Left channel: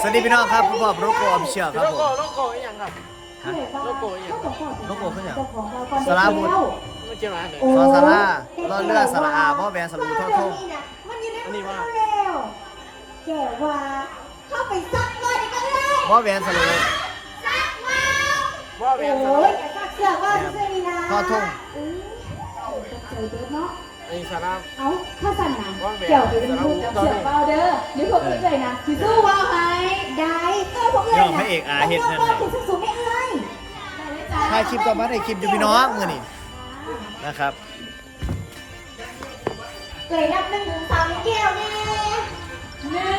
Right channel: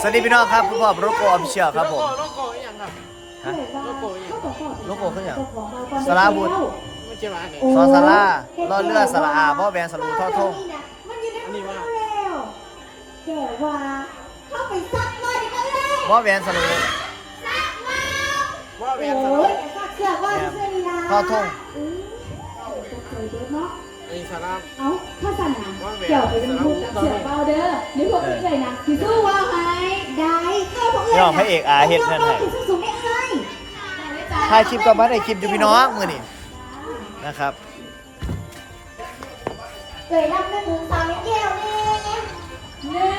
สวัสดีพี่น้องครับผู้พบโรโกออฟฟิเชียลครับผมโลโก้อีกอย่างครับฮะโลโก้อีกอย่างโลโก้ขึ้นอย่างสลาบุตรไม่ใช่ร้านเนี่ยซอสลาล่อเรือสละอาบ่อแวนสลูทอดทงอันนี้ว่าเกิดว่าเข้าไปซักเลยกันเลยบ่อแวนสลูว่าแหวโอ้นยเสื้อว่าเสื้อทอดทงเนาะ ไอ้สาระเอาถ้าสนามเกี่ยวไปเป็นลูกเสือเบาเด้อเดี๋ยวผมจะนะคือสู้ว่าไงได้แค่พวกเอ้ยสูงไม่เอ้ยถ่ายคลิปก็มาได้คลิปอยู่พี่น้องมือนี่นะครับเลยรับหนึ่งสองแก้วแน่หนึ่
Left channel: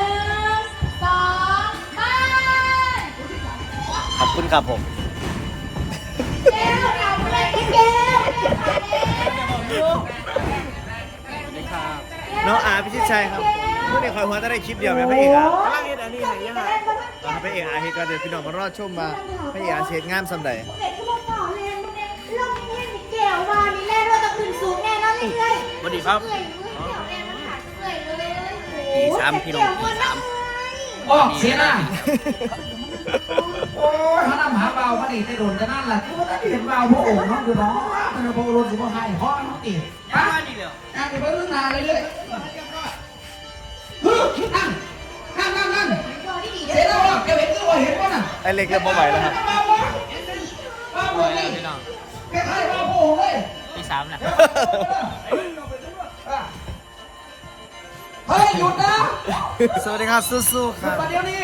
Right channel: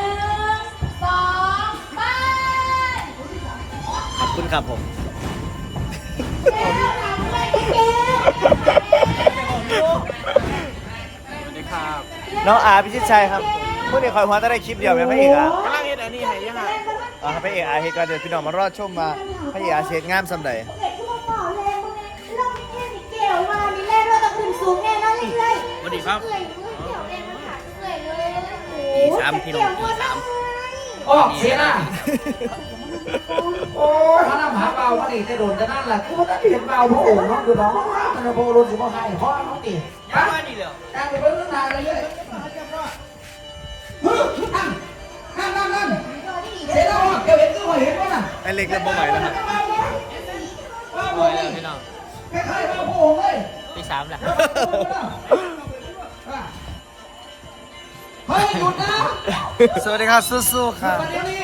งสองไปขอบคุณครับผมแก้ว ครับน้องอาพิชิตชัยครับเมื่อนี้คอยหัวจะได้คลิปเดียวเป็นพระเอกอากำลังเฮ็ดอันนี้ให้ยังฮะอ่าพระเอกอาเฮดก็เดี๋ยวพี่น้องมารอดชมมาพระเอกอาเซตงามสำใดเด็กที่มาต่อแรงมันเนี่ยล่องเนี่ยมีแก้วว่านี่แน่ว่าต้องขึ้นสูงแน่นอนเลยสวัสดีครับปีสามพี่น้องปีสามออกเสียนะโอ้ยพระนำหาเบาพระเอกจะโดนจะนั่นแหละเป็นเบาพระองค์น้องดูน้องมันโบรุษสิบห้าเพราะน้องตียัง ไงดีแล้วการไปเบิ้งนานเลยเลยนั่นนั่นนั่นเสียแล้วเกี่ยวเห็นตัวเห็นป่ะน่ะไอเล็กเก็บบ่ไหวแล้วครับบ้าบ่บ่ไหวนี่แล้วพี่น้องคล้ายๆบ้าพระองค์เลยที่สามแล้วเฮ้ยหยุดนะสวัสดีครับสู้ๆครับมาเดี๋ยวนี้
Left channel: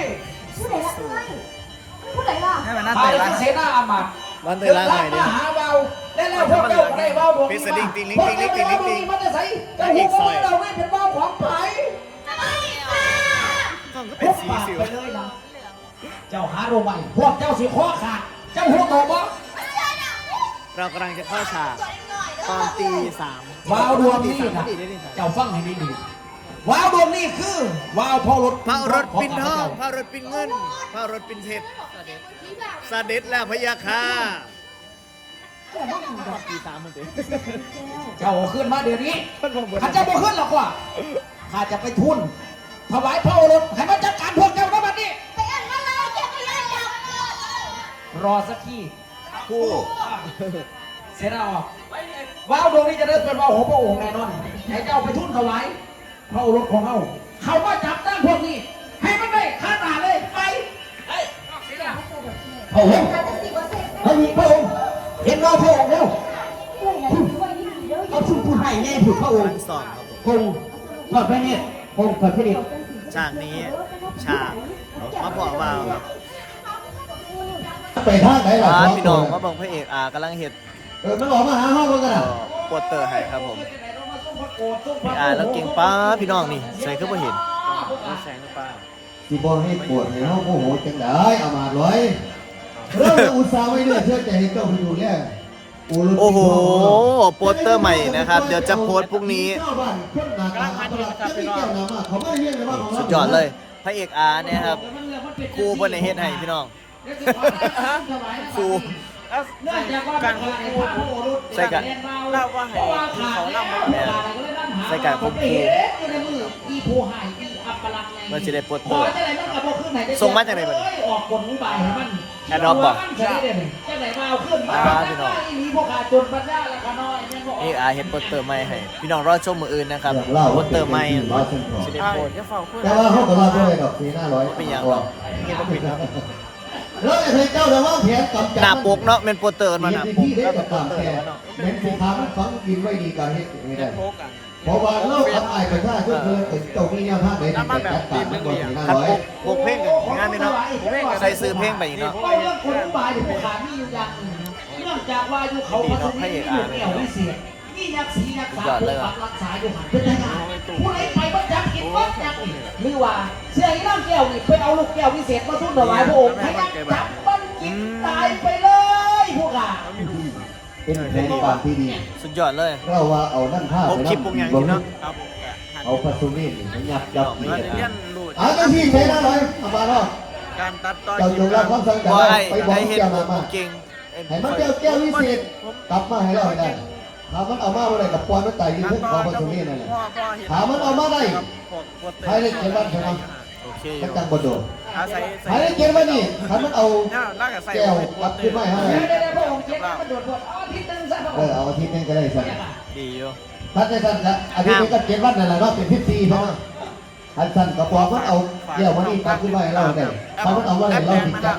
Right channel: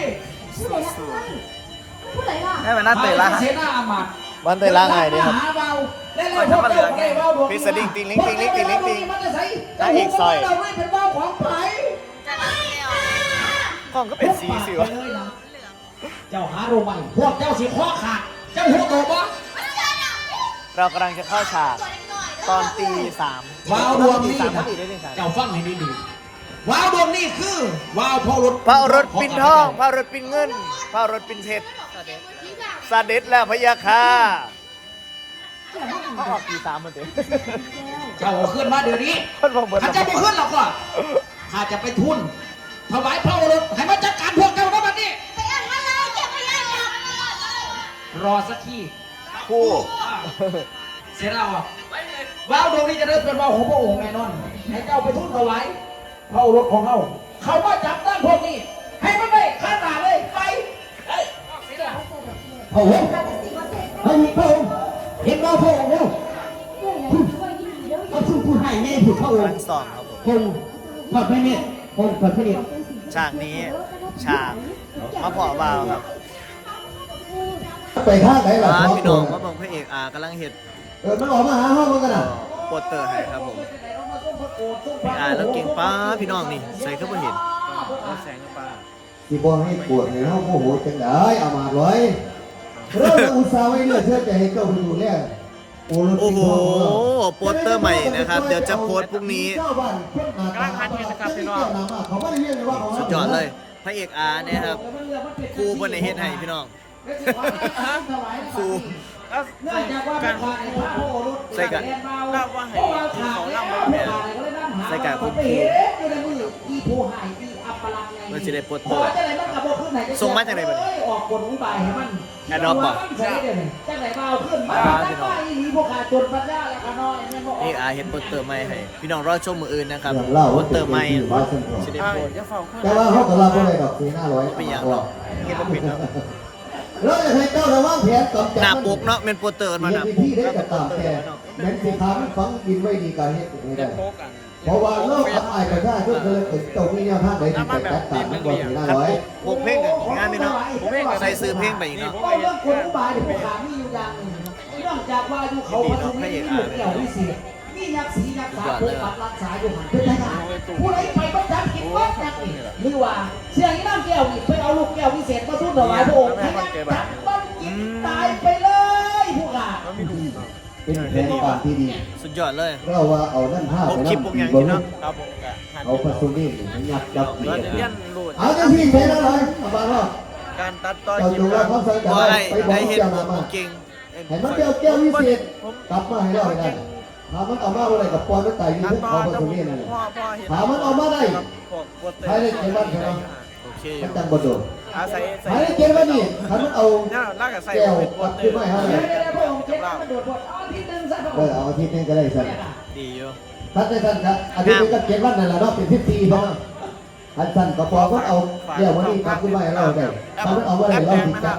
สู้ๆให้มันน่าตื่นละเสียหน้ามามันตื่นละไงดิครับหาเบา ไปทำมันเหลืองไงพี่สลิงติงลิงติงลิงติงลิงติงจะอีกซอยเราไม่เป็นบ้าของไผ่กล้องก็เป็นสีสิวะเจ้าหาดูมันพวกเจ้าสีข้อขาดเจ้าหัวตกบ่เรากำลังจะเข้าฉากตอนตีสามวาวดวงตีนี่สามพอนะดีได้ตีสามเจ้าฟังให้ดีๆวาวดวงนี่คือวาวพอรถพระรถปินทองพระรถปินเงินพระรถปินเพชรสาเด็จแล้วพะยาค่ะ ออกตีสามมันเถอะเจ้าเอาขึ้นมาเดี๋ยวนี้มันบอกเบิดข้าเจ้าบ่ขึ้นหรอกว่าข้าจะไปทุนถวายพระโอรสให้มันจัดการพวกเจ้าก็บัดนี้ไปอ่านมาเลยเก็บขยะจับรอสักทีคู่เสร็จแล้วอะว้าวดวงนี้จะได้เป็นว้าวของพระองค์แน่นอนให้เจ้าไปทุนถวายพระโอรสของเขาเขามาจับตั้งพวกนี้ ให้มันได้ข้าตาเลยไปเฮ้ยพระองค์ เห็นเราพระองค์แล้วเอาชื่อผู้ให้แน่ผู้พระองกำลังค์ซ้อมครับผมพงศ์เกิดไม่เนี่ยพงศ์เกิดไม่เนี่ยฉากนี้ฉากมาเพาะวาวครับไปท่าไหนล่ะร้านครับพี่น้องมาเบังพระเอกอากำลังเห็ดเออมันออกมาหาห้องมันกันเอ่อะอโปสเตอร์ให้ครับผมพี่อาแล้วเก่งป้าพี่น้องนี่ใส่ขึ้นมาเห็นแสงปลาสิบอกให้ปวดในห้องโมโหจังได้เอามาร้อยเริ่มอุตส่าห์ไว้เนี่ยเชื่อใจให้เจ้าไปดูแล โอ้โห โปสเตอร์ใหม่นะครับ เดี๋ยวจะโพสต์พรุ่งนี้กำลังคันเห็นนะครับพี่น้องเขาไม่เรียกเลยว่าสุดยอดเลย พระเอกอาเนี่ยครับครูบนในเฮ็ดให้พี่น้องครูแล้วเนื่องจากว่าการพระโอรสใส่กันเล่าว่าให้เขาเล่ามาแม่ใส่กันผมครูอีผู้ให้อีอัปลักษณ์มันจะได้โปสเตเพอราะร์ว่าจะ ไหนมันกับโบขึ้นไหนส่งมาจากไหนบัดนี้ออกกฎอุบายให้มันแอดดอปบ่ใช่เด้นี่จากไหนมาเอาขึ้นมาอ่าพี่น้องหนีพวกขาจนปัญญาแล้วก็น้อยเนี่ยบอกพระเอกอาเฮ็ดโปสเตอร์ใหม่ให้พี่น้องรอชมมืออื่นนะครับโปสเตอร์ใหม่สิได้ใช่โพสต์เดี๋ยวเฝ้าขึ้นแต่ว่าเขาก็ว่าไม่ได้ดอกสีหน้าร้อยเป็นอย่างหรอกเฮ็ดบ่ผิดครับแล้วจะให้เจ้าเลยว่าแผนกำจัดหน้าปกเนาะเป็นโปสเตอร์มาหน้าปกที่ได้แล้วก็กับโปตามสเตอร์แต่แล้วเนาะเน้นสีทำฟังกินไว้ดีการเฮ็ดไม่ได้โพกกัน เพราะว่าเลิกกับอายกับชาติเพื่อเลยถึงเจ้ามีเนี่ยภาคใดที่ไปจัดการมันก็สีหน้าคัดร้อยปกปกเพลงกันงานนี่เนาะใส่ซื้อเพลงไปอีกเนาะเพราะเรื่องกฎอุบายเนี่ยพวกขามีอยู่อย่างหนึ่งเนื่องจากว่าอยู่เขาดีเนาะพระเอกอาร์ไม่เกี่ยวเนาะวิเศษนี่ยักษ์สียักษ์สุดฟ้ายอดเลยปว่ะกปักรักษาอยู่หันเป็นยังไงผู้ใดไปบ้านจักกินบ้านจักกินหรือว่าเชื่ออีน้ำแก้วนี่ไปเอาลูกแก้ววิเศษมาทุ่นถวายพระองค์ให้มันจับ เป็นการที่ดีสุดยอดเลยเราว่าเอานั่นท่าผมคลิปผมยังนี่เนาะครับผมกะทันเอาพัสดุนี่มันยัดยัดพี่น้องไปเพื่อนยันรูดเอาจังที่ใช้ได้เลยเอามาเนาะการตัดต่อเราคลิดูปแลนะความสนใจว่าไอ้ไปบอกไอ้เฮ็ดแก้วผมมาบ่เก่งไอ้เห็นมันเจ้าแก้ววิเศษกลับมาให้เราได้ถามมันเอามาอะไรกับปอนไม่ตายยูตัดทูบต่อเขาพัจะสดุนี่นั่นแหละพ่อพ่อเห็นถามมันเอามาได้พวกโปสเตอร์ใช้ได้เขียนว่าใช่ไหมคโอเคอมันยู่จังบ่โดดอาศัยใส่ไอ้เกณฑ์ว่านี่ถ้ามันเอาเนี่ยน่าจะใส่แก้วไว้ปัดขึ้นมาให้เดี๋เฮายว เลยเดี๋ยวพระองค์เจ็บแล้วโดดบทอ๋อที่ตึงซะพระเอองอค์เอาอาทิตย์หนึงก็ได้สั่นดีอยู่ถ้าได้สั่นก็อาทิตย์หนึงก็เจ็ดวันนั่นแหละเนาะเป็นพิธีเนาะอันสั่นก็บอกว่าเอาแก้ววันนี้ปัดขึ้นมาให้เราได้ถ้ามันเอามาได้เราสิจับ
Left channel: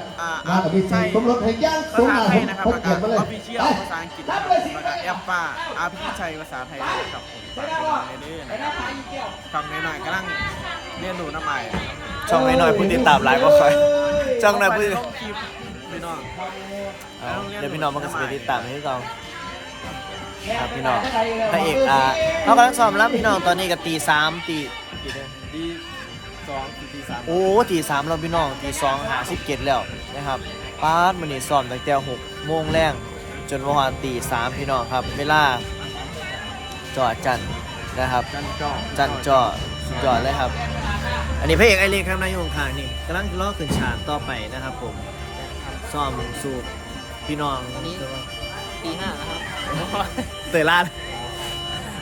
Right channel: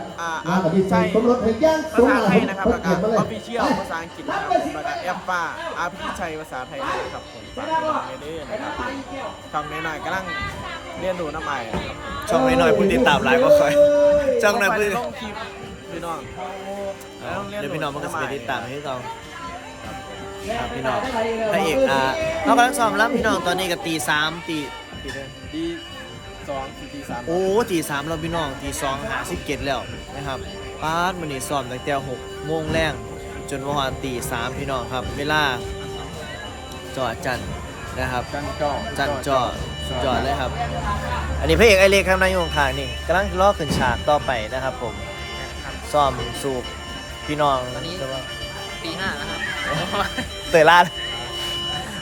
งานกับพิธีสมรสให้ย่างภาสูงษามาไทผยมนะครับเพิ่แล้วนก็เขียนมาเลยออฟฟิเชียลภาษาอังกฤษนะครับแล้วก็แอปป้าอาพิชัยภาษาไทยเลยครับผมฝากไปลองเลยด้วยนะครับช่องน้อยๆกำลังเรียนรู้น้ำใหม่ครับผมช่องน้อยๆผู้ติดตามหลายก็ค่อยช่องน้อยผู้ต้องคลิปพี่น้อง เอาเดี๋ยวพี่น้องมันก็สิไปติดตามให้เราครับพี่น้องพระเอกอ่าเขากำลังซ้อมรับพี่น้องตอนนี้ก็ตีสามตีตีเด้อดีสองสี่ตีสามโอ้ตีสามเราพี่น้องตีสองหาสิบเจ็ดแล้วนะครับป้าดมันนี่ซ้อมตั้งแต่หกโมงแรงจนวันตีสามพี่น้องครับเวลาจอจันนะครับ จันจ่อจันจอจอดเลยครับ อันนี้พระเอกไอเล็กครับนายโยงคางนี่กำลังล่อขึ้นฉากต่อไปนะครับผมซ้อมสูบ พี่น้องตอนนี้ ตีห้าแล้วครับเตยลาด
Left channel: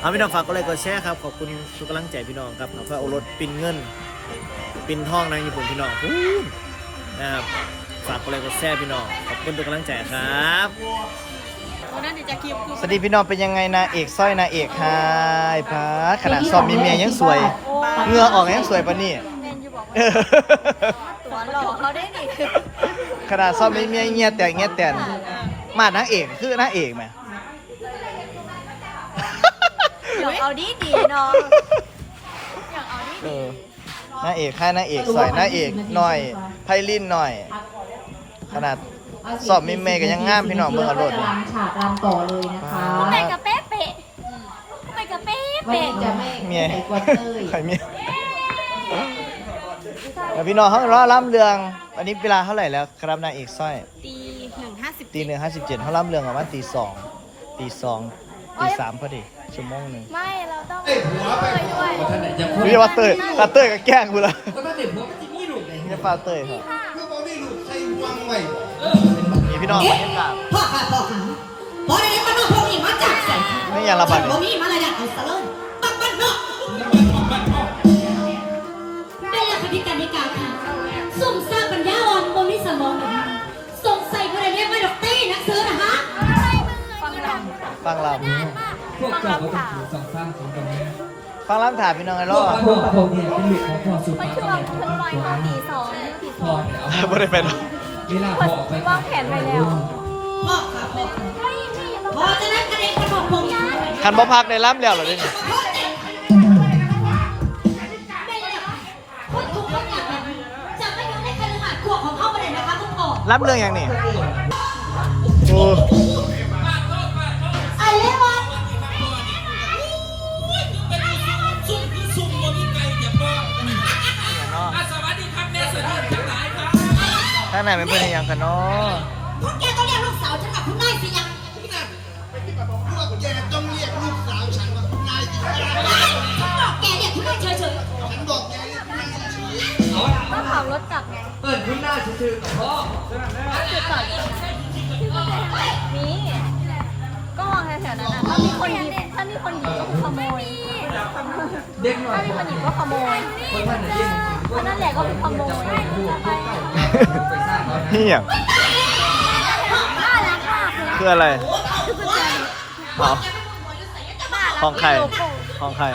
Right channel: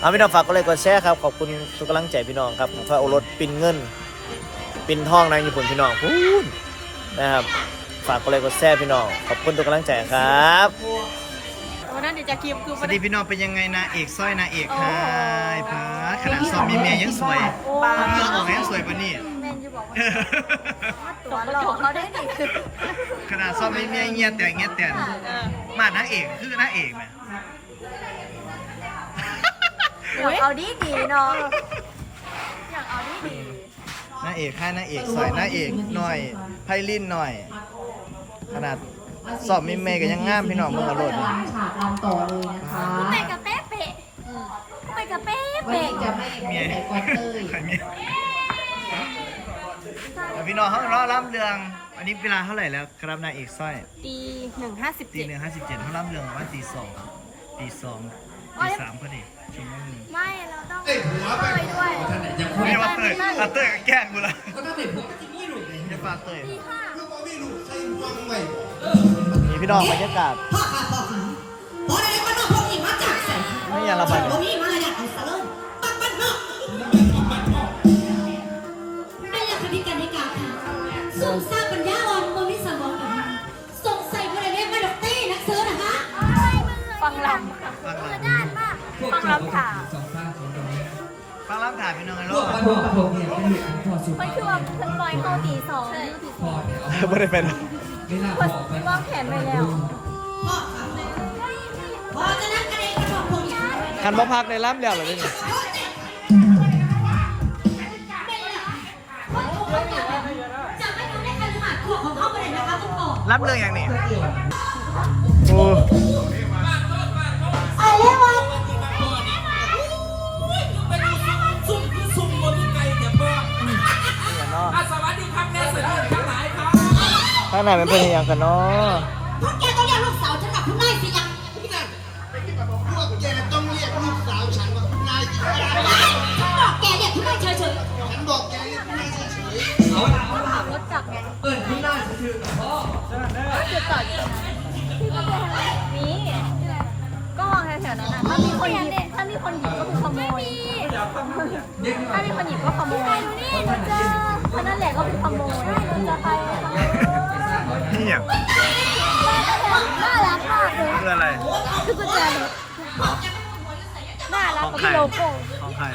เอาพี่น้องฝากก็เลยกดแชร์ครับขอบคุณทุกกำลังใจพี่น้องครับฝากโอรสปินเงิน ปินทองในญี่ปุ่นพี่น้องฮู้นะครับ ฝากกดไลค์กดแชร์พี่น้องขอบคุณทุกกำลังใจครับวันนั้นเดี๋ยวจะคลิปคือสวัสดีพี่น้องเป็นยังไงนะเอกสร้อยนะเอกไฮพาร์ทขนาดซ้อมมีเมียยังสวยเหงื่อออกยังสวยปะนี่ แมนจะบอกว่า ตัวหลอกเขาได้ดิ ขนาดซ้อมมีเมียเงี้ยแต่เงี้ยแต่มานางเอกคือนางเอกไหมอยากเอาดีดีเนาะอยากเอาดีเอดีอนางเอกค่ายนางเอกสวยนางเอกหน่อยไพลินหน่อย ขนาดสอบมีเมย์ก็ยังงามพี่น้องเมืองอรรถนี่ฉากรำต่อเลยนะคะผู้ไปกับเป๊ะเป๊ะผู้ไปกับเป๊ะวันเป๊ะนี้จะไม่เมียใส่กวนเอ้ยใครเมียแล้วพี่น้องเขารอล่ำเรืองวั นนี้เวลาเท่าไหร่แล้วครับนางเอกสร้อย ตีหนึ่งห้าสิบตีหนึ่งห้าสิบเจ็ดเขาล่ำเรืองประมาณตีสองตีสองตีสามพอดีชั่วโมงหนึ่งไม่เราต้องเต้ยด้วยเรียกว่าเต้ยตาเต้ยก็แกล้งกูละนี่ปลาเต้ยครับนี่พี่น้องบรรยากาศพ่อค่ะพ่อค่ะพอได้บ้านนอกพวกนี้มาจากแสนไม่อยางระบาดเลบ่ยมีมาเลยเนี่ยเอาซะเลย งลด้านมากฟังลำถามำฟังลำถามพี่น้องไอ้รอมันคือว่าเพิ่นลอยเข้าตีสองนิ้วตีสองไม่ได้เป็นวางแผนไปแล้วพ่อค่ะพ่อพอจะนั่งกันเองกับพวกนี้คันบ่พักในล่ำแล้วเหรอเนี่ยคนถูกเขาจับจับไม่รู้ในคฤหาสน์ขวบของเขาไปเลยนะคะคุณพ่อล่ำเรื่องอย่างนี้ ข้างในเป็นเพื่อนอีหยังกันเนาะพวกแกต้องเรียกลูกสาวฉันกับคุณนายสิยังพวกแกต้องเรียกลูกสาวฉันว่าคุณนายจริงฉันบอกแกเรียกคุณนายเฉยฉันบอกแกเรียกคุณนายก็ขับรถจับไงเปิดคุณหน้าซื่อๆกับพ่อก็จุดจอดอยู่ตรงนั้นพี่ก็จะทำแบบนี้ก็มองแถวๆนั้นนะถ้ามีคนหยิบถ้ามีคนหยิบก็คือขโมยถ้ามีคนหยิบก็ขโมยเพราะนั่นแหละก็คือขโมยจะไป นี่ยคืออะไรหอ๋อ ของใครห้องใคร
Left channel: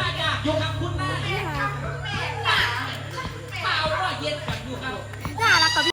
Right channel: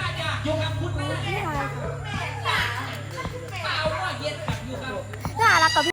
น่ารักกว่าพี่